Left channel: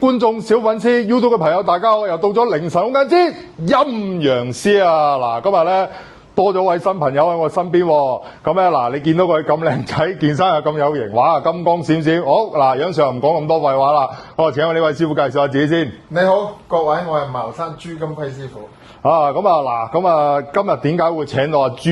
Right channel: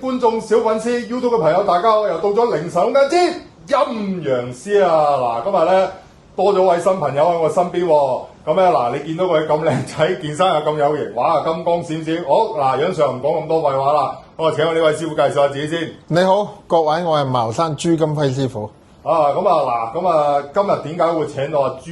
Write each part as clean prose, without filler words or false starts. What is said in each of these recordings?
觀眾小粉絲 YouTube 嘅朋友，大家好！又到咗凌晨嘅之陰陽師啊！嗱，今日咧多咗位新朋友喺我身邊喎。咁咧嗱，你見到佢咁靚仔，健身又咁有型，哇，金光閃閃。好嗱，楊 Sir唔講咁多廢話啦，我請我呢位師傅介紹下自己先。你好，各位，我係茅山朱金輝師傅。咁啊，今日點解會請到阿朱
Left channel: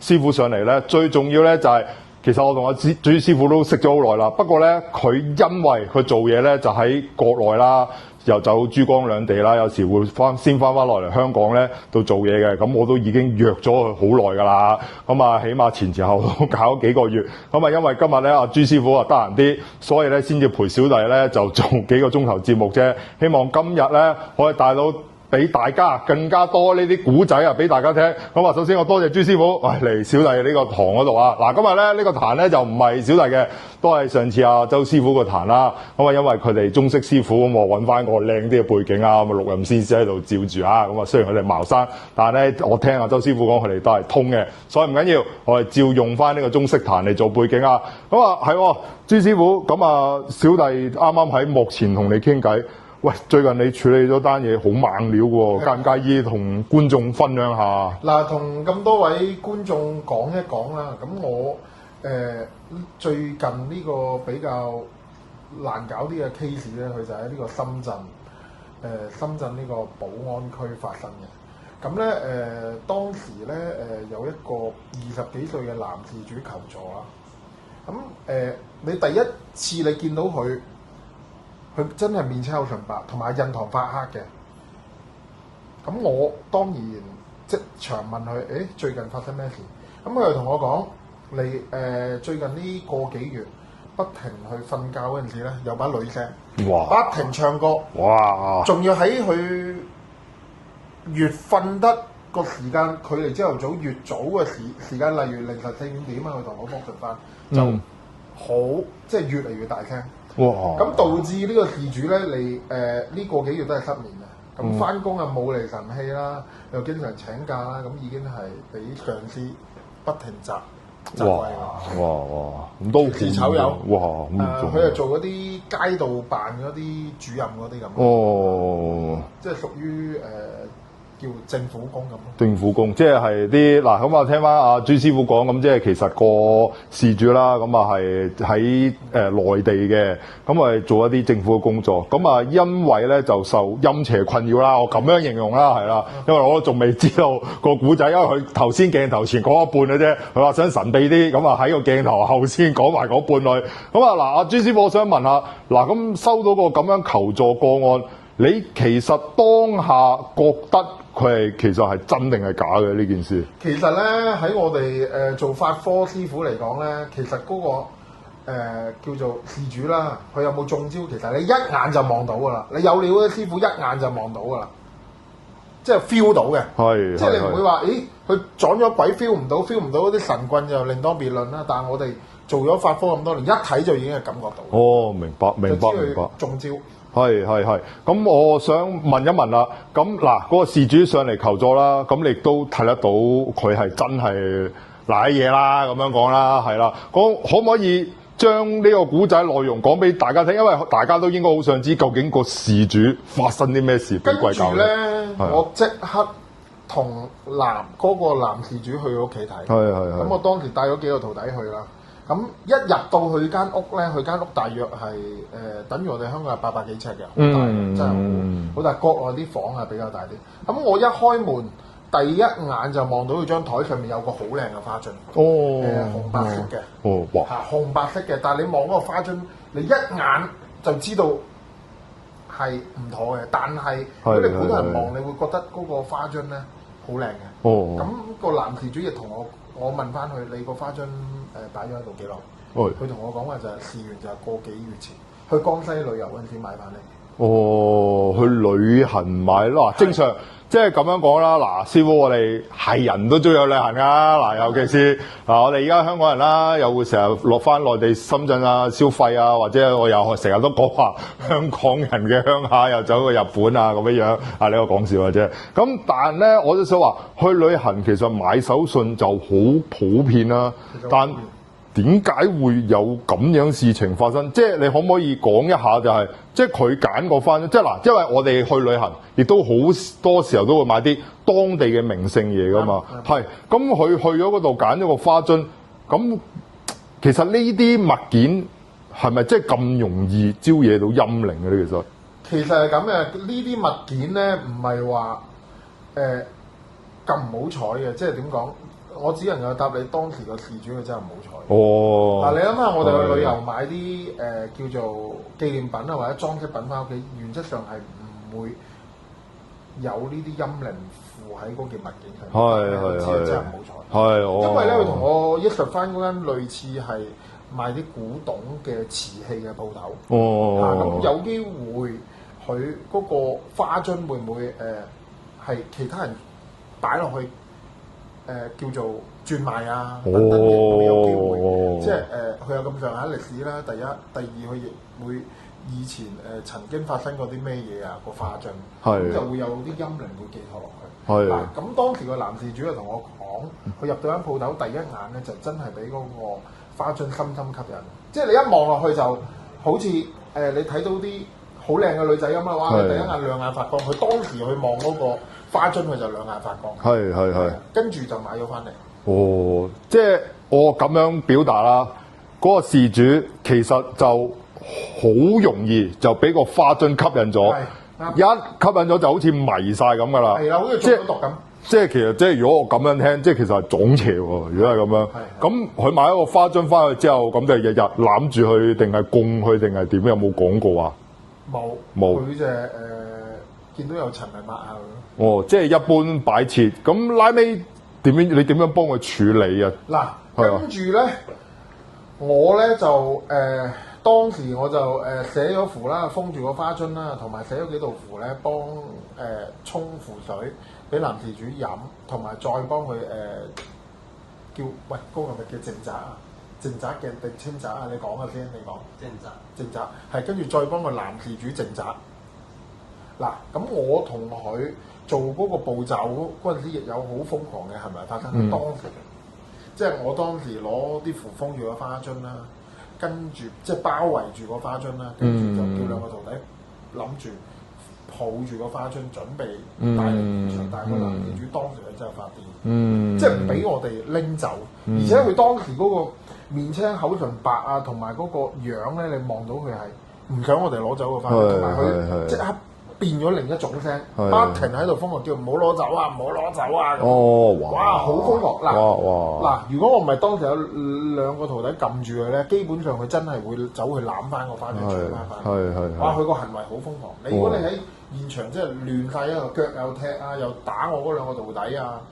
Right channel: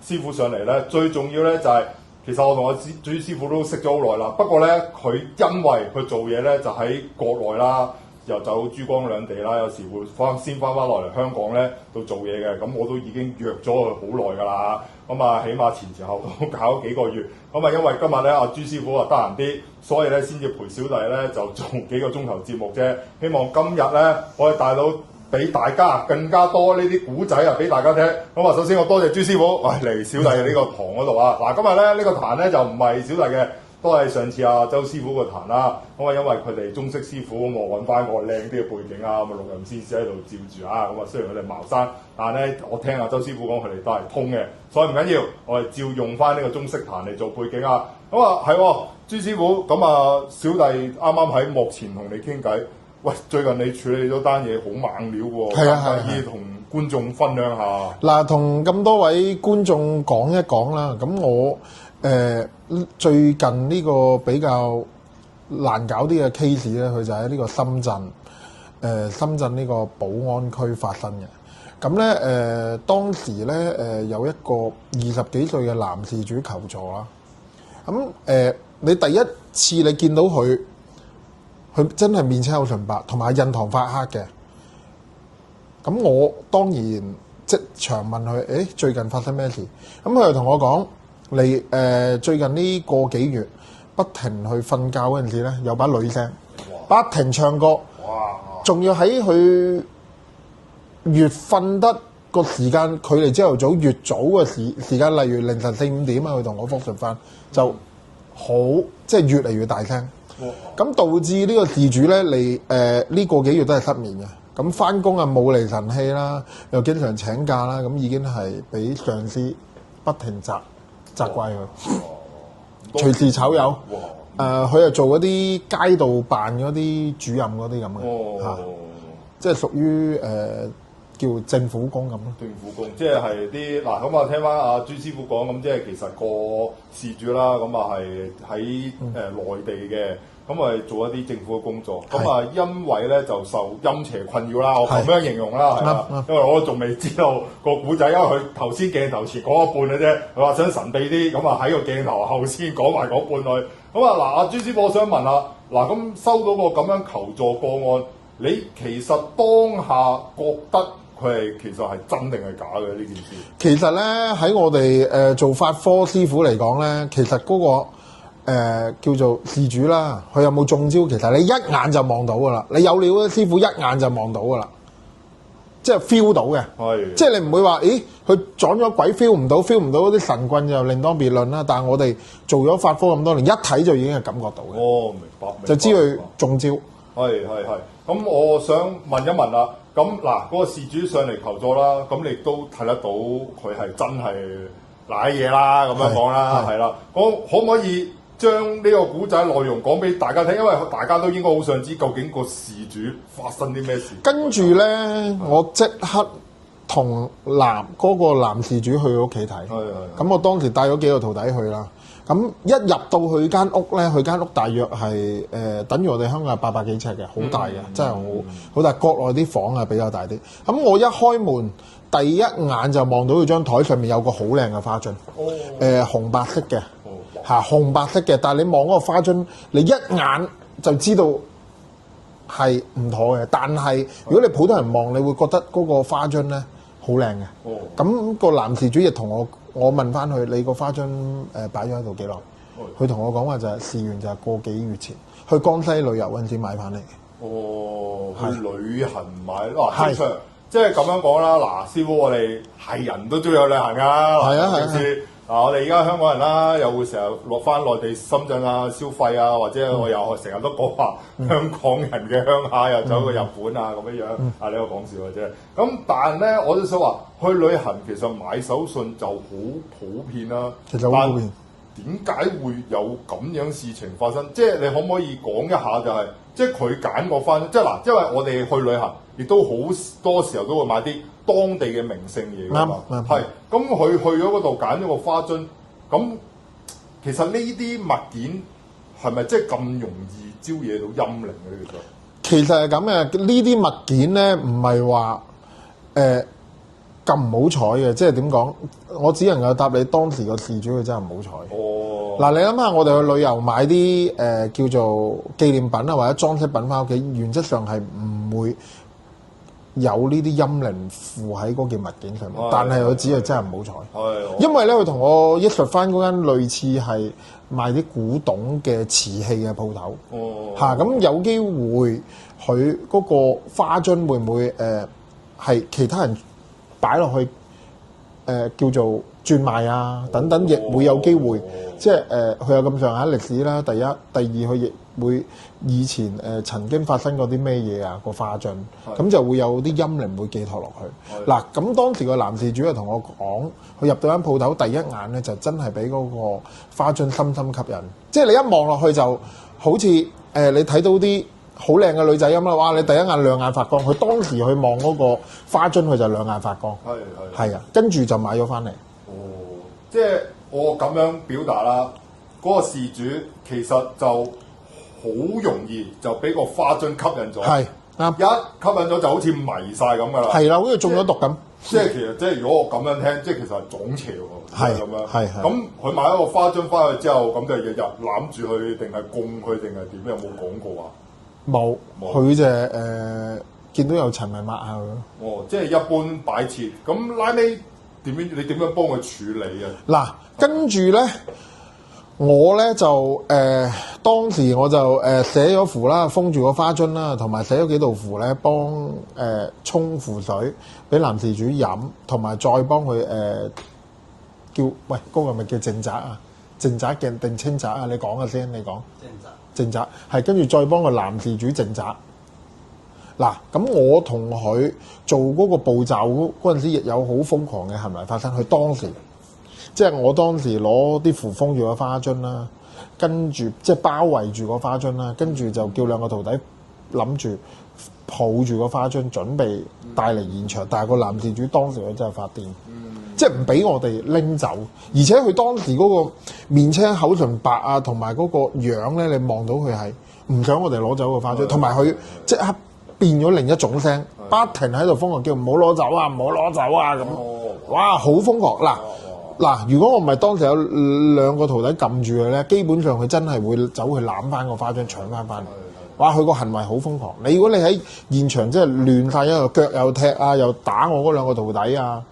師傅上嚟咧？最重要咧就係、其實我同阿朱師傅都識咗好耐啦，不過咧佢因為佢做嘢咧就喺國內啦，又走珠江兩地啦，有時會先翻落嚟香港咧度做嘢嘅，咁我都已經約咗佢好耐㗎啦，咁啊起碼前後都搞咗幾個月，咁啊因為今日咧阿朱師傅啊得閒啲，所以咧先至陪小弟咧就做幾個鐘頭節目啫，希望今日咧可以帶到俾大家更加多呢啲古仔啊，俾大家聽。咁啊，首先我多謝朱師傅，嚟小弟嘅呢個堂嗰度啊。嗱，今日咧呢個壇咧就唔係小弟嘅，都係上次阿周師傅個壇啦。咁啊，因為佢哋中式師傅咁，我揾翻個靚啲嘅背景啊，咁啊錄音師喺度照住啊。咁啊，雖然佢哋茅山，但係咧我聽阿周師傅講，佢哋都係通嘅，所以唔緊要，我哋照用翻呢個中式壇嚟做背景啊。咁啊係，朱師傅，咁啊小弟啱啱喺幕前同你傾偈。喂，最近你處理咗單嘢好猛料喎，介唔介意同觀眾分享下？嗱，同咁多位觀眾講一講啦。咁我最近呢個比較難搞啲嘅 case 咧，佢就喺呢個深圳，深圳呢個寶安區發生嘅。咁咧當時咧有一個20幾歲嘅男事主求助啦。咁你第一次你見到佢真係面青口唇白，同埋印堂發黑嘅。咁我當然即場問佢，最近發生咩事？咁佢就同我講，你最近呢個幾月不停去瞓覺嗰陣時咧，有把女聲，哇！不停唱歌，哇！仲要喺佢越瞓得個時間距離朝頭早越早嘅時間，例如凌晨4、5點啊，佢同我復述翻，就好即係越嚟越大聲。哇！咁導致呢個事主咧，你呢個幾月都係失眠嘅。咁翻工啊冇厘神氣啦，又經常請假啦，咁已經係俾上司不停責怪啦。哇！隨時炒魷。哇！佢係做嗰啲街道辦嗰啲主任嗰啲咁。哦，即係屬於叫政府工咁咯。政府工即係啲嗱，咁啊聽翻阿朱師傅講，咁即係其實個事主啦，咁啊係喺內地嘅，咁啊做一啲政府嘅工作，咁啊因為咧就受陰邪困擾啦，我咁樣形容啦，係啦，因為我都仲未知道個古仔，因為佢頭先鏡頭前講一半嘅啫，佢話想神秘啲，咁啊喺個鏡頭後先講埋嗰半類，咁啊嗱，阿朱師傅，我想問下，嗱咁收到個咁樣求助個案，你其實當下覺得佢係其實係真定係假嘅呢件事？其實咧喺我哋做法科師傅嚟講咧，其實嗰個叫做事主啦，佢有冇中招？其實你一眼就望到噶啦，你有料嘅師傅一眼就望到噶啦，即係 feel 到嘅。係，即係你唔會話，咦佢撞咗鬼 feel 唔到嗰啲神棍又另當別論啦。但係我哋做咗法科咁多年，一睇就已經係感覺到。哦，明白，就知佢中招。係，咁我想問一問啦，咁嗱嗰個事主上嚟求助啦，咁你亦都睇得到佢係真係賴嘢啦，咁樣講啦，係啦，講可唔可以將呢個古仔內容講俾大家聽？因為大家都應該好想知究竟個事主發生啲咩事。跟住咧，我即刻同嗰個男事主去佢屋企睇。係。咁我當時帶咗幾個徒弟去啦。咁一入到去間屋咧，佢間屋大約係等於我哋香港係800幾尺嘅，好大嘅，真係好大。國內啲房係比較大啲。咁我一開門，第一眼就望到佢張台上面有個好靚嘅花樽，紅白色嘅，紅白色嘅。但係你望嗰個花樽，你一眼就知道係唔妥嘅。但係如果你普通人望，你會覺得嗰個花樽咧好靚嘅。咁個男事主亦同我問翻佢，你個花樽擺咗喺度幾耐？佢同我講話就係事緣就係個幾月前去江西旅遊嗰陣時買翻嚟。去旅行買咯，正常即係咁樣講啦。嗱，師傅，我哋係人都中意去旅行㗎，尤其是我哋而家香港人啦，又會成日落翻內地深圳啊消費啊，或者我又成日都講話香港人嘅鄉下又走去日本啊咁樣樣。呢個講笑嘅啫。咁但係咧，我都想話去旅行其實買手信就好普遍啦。其實好普遍。點解會有咁樣事情發生？即係你可唔可以講一下、就係，即係佢揀個花樽，即係嗱，因為我哋去旅行，亦都好多時候都會買啲當地嘅名勝嘢㗎嘛。係，咁佢去咗嗰度揀咗個花樽，咁其實呢啲物件係咪即係咁容易招惹到陰靈嘅咧？其實係咁嘅，呢啲物件咧唔係話咁唔好彩嘅，即係點講？我只能夠答你當時個事主佢真係唔好彩。哦，嗱，你諗下，我哋去旅遊買啲叫做紀念品啊，或者裝飾品翻屋企，原則上係唔會有呢啲陰靈附喺嗰件物件上面。但係佢只係真係唔好彩。係，因為咧，佢同我一述翻嗰間類似係賣啲古董嘅瓷器嘅鋪頭。哦，咁有機會佢嗰個花樽會唔會係其他人擺落去？叫做轉賣啊，等等亦會有機會，即係佢有咁上下歷史啦。第一、第二，佢亦會以前曾經發生過啲咩嘢啊個花樽，咁就會有啲陰靈會寄託落去。嗱，咁當時個男事主就同我講，佢入到間鋪頭，第一眼咧就真係俾嗰個花樽深深吸引，即係你一望落去就好似你睇到啲好靚嘅女仔咁啦，哇！你第一眼兩眼發光，佢當時去望嗰個花樽，佢就兩眼發光。係啊，跟住就買咗翻嚟。哦，即係我咁樣表達啦，嗰個事主其實就好容易就俾個花樽吸引咗。係啱，一吸引咗就好似迷晒咁噶啦。係啦，好似中咗毒咁。即係其實即係如果我咁樣聽，即係其實係撞邪喎。如果係咁樣，咁佢買一個花樽翻去之後，咁就日日攬住佢，定係供佢，定係點？有冇講過啊？冇，佢就見到有塵咪抹下佢。哦，即係一般擺設。咁拉尾點樣？你點樣幫佢處理啊？嗱，跟住咧，我咧就當時我就寫咗符啦，封住個花樽啦，同埋寫咗幾道符咧，幫沖符水俾男事主飲，同埋再幫佢叫喂嗰個係咪叫淨宅啊？淨宅嘅定清宅啊？你講嘅先，你講。淨宅係跟住再幫個男事主淨宅。嗱，咁我同佢做嗰個步驟嗰陣時，亦有好瘋狂嘅行為發生。佢當時即係我當時攞啲符封住個花樽啦，跟住即係包圍住個花樽啦，跟住就叫兩個徒弟諗住抱住個花樽，準備帶嚟現場。但係個男事主當時佢真係發癲，即係唔俾我哋拎走，而且佢當時嗰個面青口唇白啊，同埋嗰個樣咧，你望到佢係唔想我哋攞走個花樽，同埋佢即刻變咗另一種聲，不停喺度瘋狂叫唔好攞走啊，唔好攞走啊咁。哦，哇，好瘋狂！嗱，如果我唔係當時有兩個徒弟撳住佢咧，基本上佢真係會走去攬翻個花樽搶翻翻。哇，佢個行為好瘋狂。如果你喺現場即係亂晒，一個腳又踢啊，又打我嗰兩個徒弟啊。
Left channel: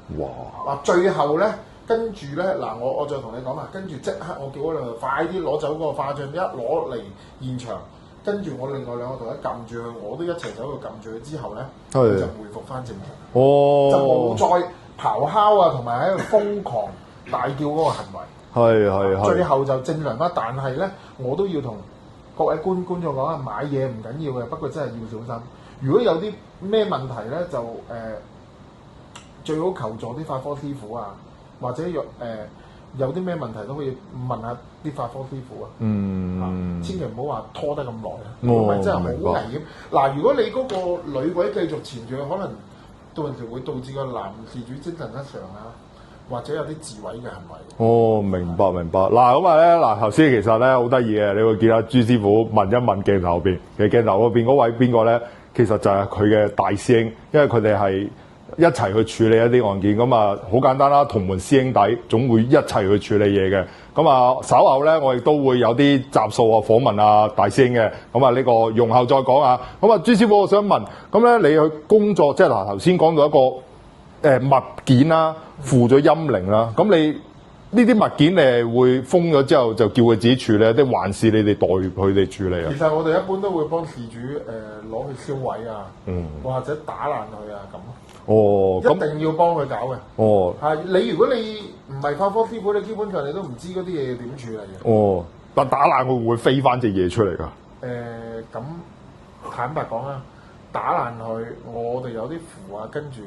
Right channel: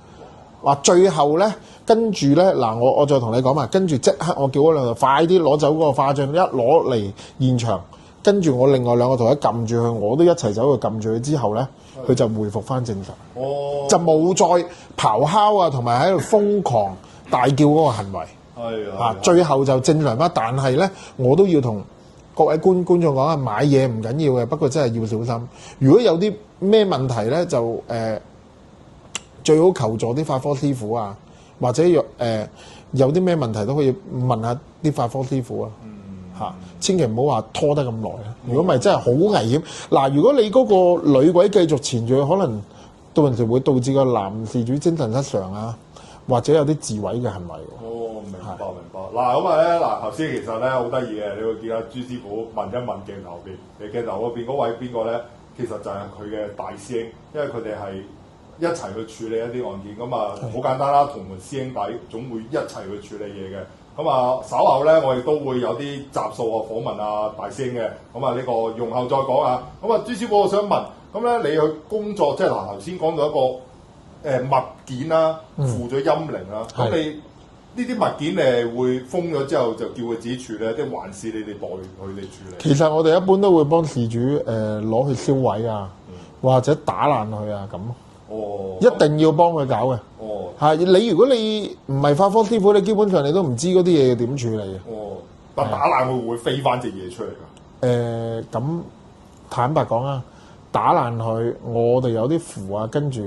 哇！最後咧，跟住咧嗱，我再同你講埋，跟住即刻我叫嗰兩個快啲攞走嗰個花樽，一攞嚟現場。跟住我另外兩個徒弟撳住佢，我都一齊走去撳住佢之後咧，佢就回復翻正常，就冇再咆哮啊，同埋喺度瘋狂大叫嗰個行為。最後就正常翻。但係咧，我都要同各位觀眾講啊，買嘢唔緊要嘅，不過真係要小心。如果有啲咩問題咧，就最好求助啲法科師傅啊，或者有啲咩問題都可以問下啲法科師傅啊。千祈唔好話拖得咁耐。如果唔係真係好危險。嗱，如果你嗰個女鬼繼續纏住佢，可能到陣時會導致個男事主精神失常啊，或者有啲自毀嘅行為。哦，明白明白。嗱咁啊咧，嗱頭先其實咧好得意嘅，你會見到朱師傅問一問鏡頭邊，其實鏡頭嗰邊嗰位邊個咧，其實就係佢嘅大師兄，因為佢哋係一齊去處理一啲案件。咁啊好簡單啦，同門師兄弟總會一齊去處理嘢嘅。咁啊稍後咧，我亦都會有啲集數啊訪問啊大師兄嘅。咁啊呢個容後再講啊。咁啊朱師傅，我想問，咁咧你去工作，即係嗱頭先講到一個物件啦，附咗陰靈啦，咁你呢啲物件你會封咗之後就叫佢自己處理，定還是你哋代佢哋處理？其實我哋一般都會幫事主攞去燒毀啊，或者打爛佢啊咁。哦，一定要幫佢搞嘅。哦，係你如果你唔係法科師傅，你基本上你都唔知嗰啲嘢點處理嘅。哦，但打爛會唔會飛翻隻嘢出嚟㗎？咁坦白講啊，打爛佢，我哋有啲符啊，跟住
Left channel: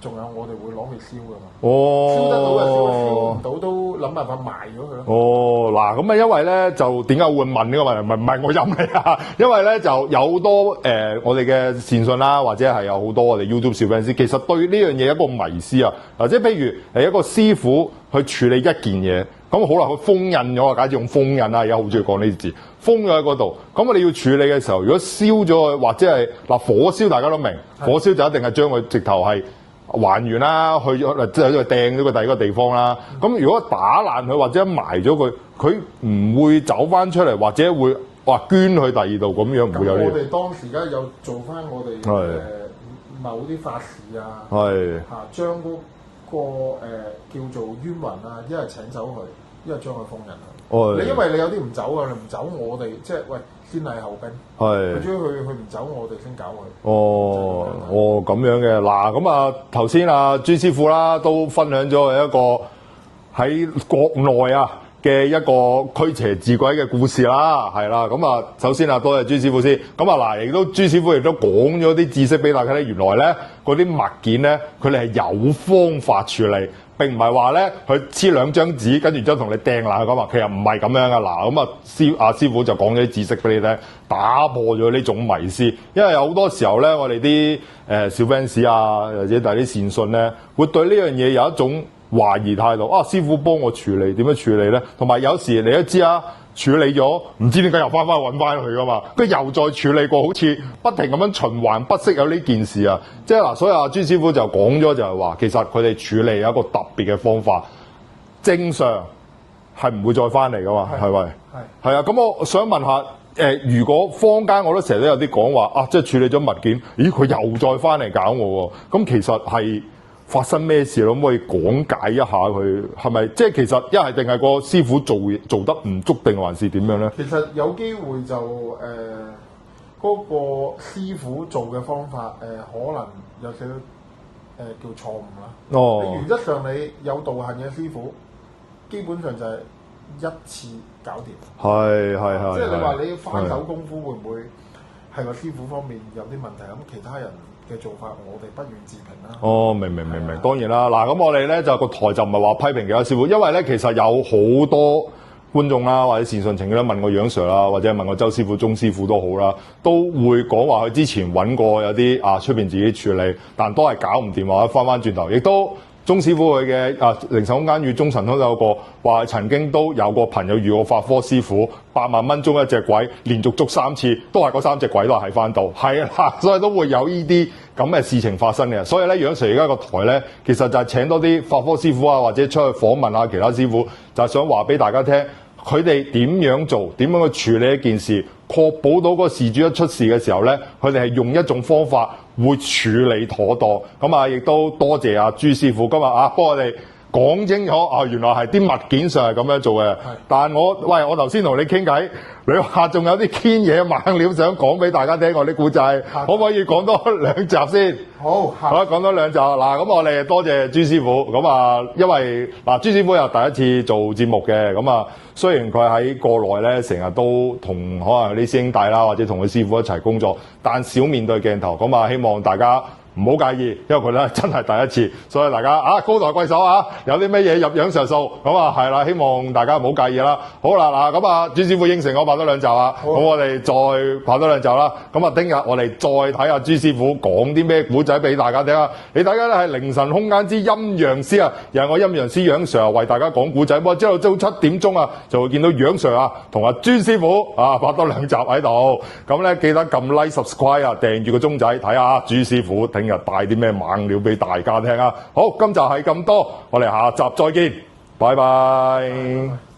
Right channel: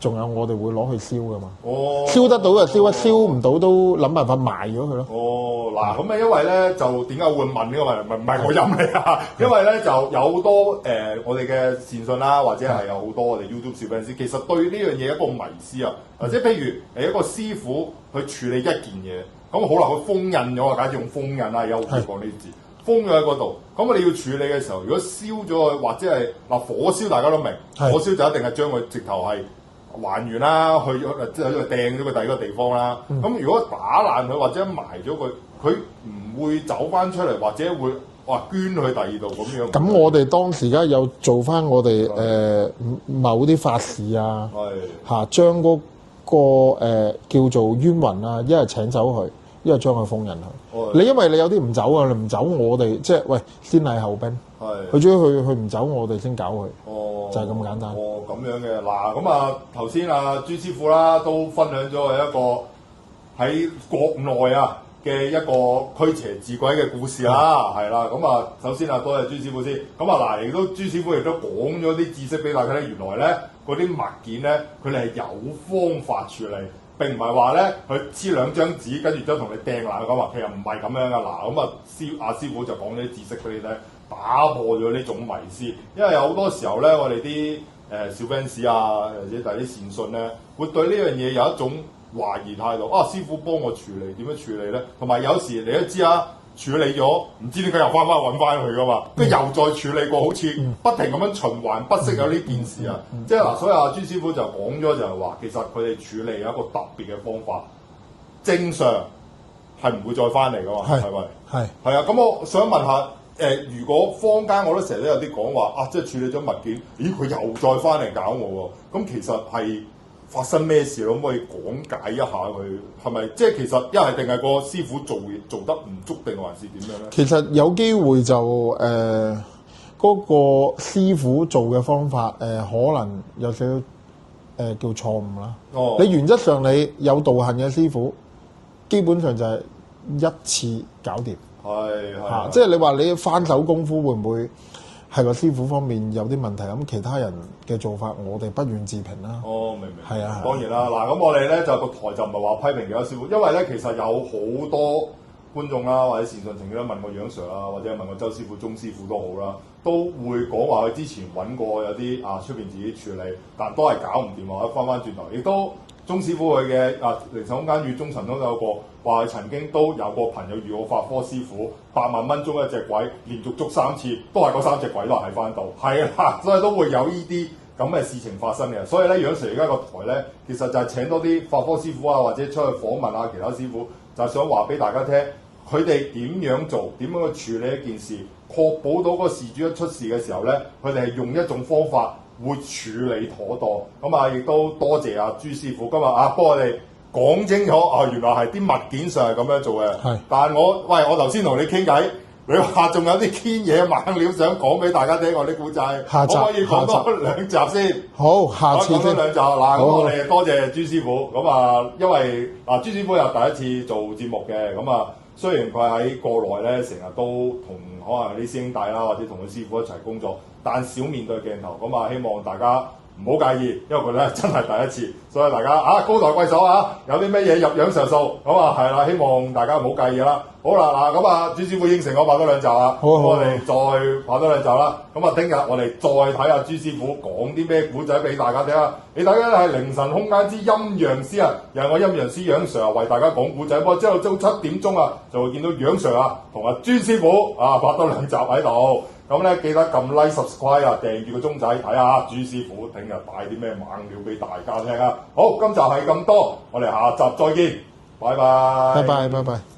仲有我哋會攞去燒噶嘛。哦，燒得到就燒，燒唔到都諗辦法賣咗佢咯。哦，嗱，咁啊，因為咧就點解會問呢個問題？唔係我入嚟啊，因為咧就有好多我哋嘅善信啦，或者係有好多我哋 YouTube 小粉絲，其實對呢樣嘢一個迷思啊，即係譬如係一個師傅去處理一件嘢，咁好啦，佢封印咗啊，假設用封印啊，而家好中意講呢啲字。封咗喺嗰度，咁我哋要處理嘅時候，如果燒咗佢，或者係嗱火燒，大家都明，火燒就一定係將佢直頭係還原啦，去咗即係掟咗個第二個地方啦。咁如果打爛佢或者埋咗佢，佢唔會走翻出嚟，或者會捐去第二度咁樣。咁我哋當時而家有做翻我哋某啲法事啊，嚇將嗰個叫做冤魂啊，一係請走佢。因為將佢封印佢，你因為你有啲唔走啊，你唔走我哋即係喂先禮後兵，佢主要佢唔走我哋先搞佢，就係咁簡單。咁樣嘅嗱，咁啊頭先啊朱師傅啦都分享咗一個喺國內啊嘅一個驅邪治鬼嘅故事啦，係啦，咁啊首先啊多謝朱師傅先，咁啊嗱亦都朱師傅亦都講咗啲知識俾大家咧，原來咧嗰啲物件咧佢哋係有方法處理。並唔係話咧，佢黐兩張紙，跟住之後同你掟爛佢講話，其實唔係咁樣噶。嗱，咁啊師傅就講咗啲知識俾你聽，打破咗呢種迷思。因為有好多時候咧，我哋啲小 fans 啊，或者大啲善信咧，會對呢樣嘢有一種懷疑態度。師傅幫我處理，點樣處理咧？同埋有時你都知啊。處理咗，唔知點解又翻揾翻佢噶嘛？佢又再處理過，好似不停咁樣循環不息有呢件事啊！即係嗱，所以阿朱師傅就講咗就係話，其實佢哋處理有一個特別嘅方法，正常係唔會再翻嚟噶嘛？係咪？係啊！咁我想問下，如果坊間我都成日都有啲講話即係處理咗物件，咦佢又再翻嚟搞我喎？咁其實係發生咩事咯？可唔可以講解一下佢係咪？即係其實一係定係個師傅做得唔足，定還是點樣咧？其實有機會就嗰個師傅做嘅方法可能有少少叫錯誤啦。你原則上你有道行嘅師傅，基本上就係一次搞掂。係即係你話你翻手功夫會唔會係個師傅方面有啲問題？咁其他人嘅做法，我哋不願置評啦。明，當然啦。嗱，咁我哋咧就個台就唔係話批評其他師傅，因為咧其實有好多觀眾啦，或者善信曾經問過楊 Sir 啦，或者問過周師傅、鐘師傅都好啦，都會講話佢之前揾過有啲出邊自己處理，但都係搞唔掂，或者翻轉頭，亦都。鐘師傅佢嘅靈神空間與中神都有個話，曾經都有個朋友遇過法科師傅8萬蚊捉一隻鬼，連續捉3次，都係嗰3隻鬼都係喺翻度，係啦，所以都會有呢啲咁嘅事情發生嘅。所以咧，楊 Sir 而家個台咧，其實就係請多啲法科師傅啊，或者出去訪問下其他師傅，就係想話俾大家聽，佢哋點樣做，點樣去處理一件事，確保到個事主一出事嘅時候咧，佢哋係用一種方法。會處理妥當，咁亦都多謝阿朱師傅今日幫我哋講清楚原來係啲物件上係咁樣做嘅。但係我頭先同你傾偈，你話仲有啲堅嘢猛料想講俾大家聽我啲故仔，可唔可以講多2集先？好，下次講多2集。嗱，咁我哋多謝朱師傅。咁因為朱師傅又第一次做節目嘅，咁雖然佢喺國內咧，成日都同可能啲師兄弟啦，或者同佢師傅一齊工作，但少面對鏡頭。咁希望大家唔好介意，因為佢咧真係第一次，所以大家高抬貴手有啲咩嘢入樣上數，咁係啦，希望大家唔好介意啦。好啦，嗱咁朱師傅應承我拍多2集啦，咁我哋再拍多2集啦。咁聽日我哋再睇下朱師傅講啲咩古仔俾大家聽啊！你大家係靈神空間之陰陽師啊，又係我陰陽師楊 Sir 為大家講古仔。咁之後朝7點鐘就會見到楊 Sir 同阿朱師傅拍多2集喺度。咁咧記得撳 like、subscribe 訂住個鐘仔睇下朱師傅聽日帶啲咩猛料俾大家聽啊！好，今集係咁多，我哋下集再見，拜拜。拜拜。